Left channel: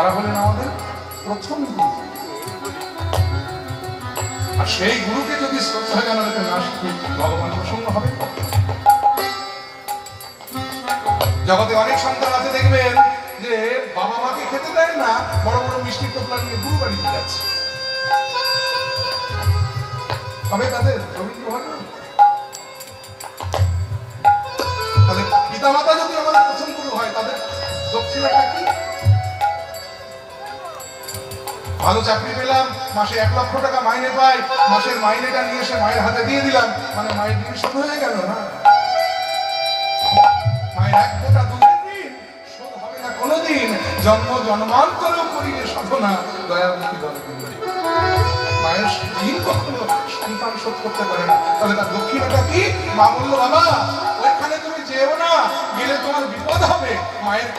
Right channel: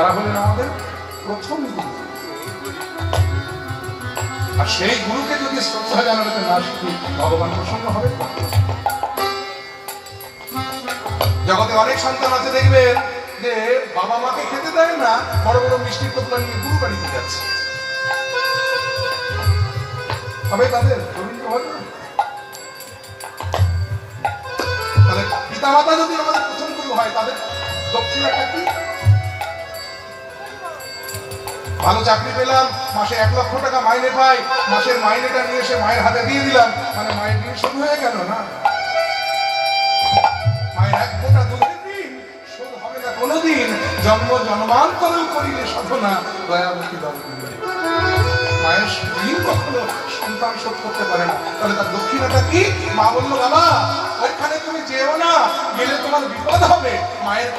তারা হলেন আমাদের প্রথম গুরু। আর সেই গুরুকে যদি শ্রদ্ধা জানাতে না শিখি, ভগবান প্রসন্ন হবেন না। জগতে অনেক সন্তান আছে, দেখবেন যে বাবা মাকে খেতে দেয় না, বড় বড় মিষ্টি টোপলা নিয়ে গুরু বাড়িতে যাচ্ছে। তবে তাদের দরিদ্র হয় না। তাহলে পিতা মাতা যদি আমাদের প্রথম গুরু হয়, তাদের দক্ষিণাটা কি? ভালো চাকরি পেলাম, মাসে 1 লক্ষ টাকা মাইনে পাই, মাসের মাইনেটা নিয়ে এসে মায়ের হাতে দিয়ে দিলাম, মানে মায়ের ঋণ শোধ হয়ে গেল না? মায়ের 1 ফোঁটা দুধের ঋণ শোধ হবে না কোনোদিন। জন্ম জন্মান্তরেও করিলে সাধনা, দয়ামুখী জল দিলে। মায়ের ঋণ কখনো সন্তান শোধ করতে পারে না। তাহলে তার দক্ষিণাটা কি? মা বললো, বাবা ওইখানে তুমি যেও না, গেলে তোমার বিপদ হবে। মায়ের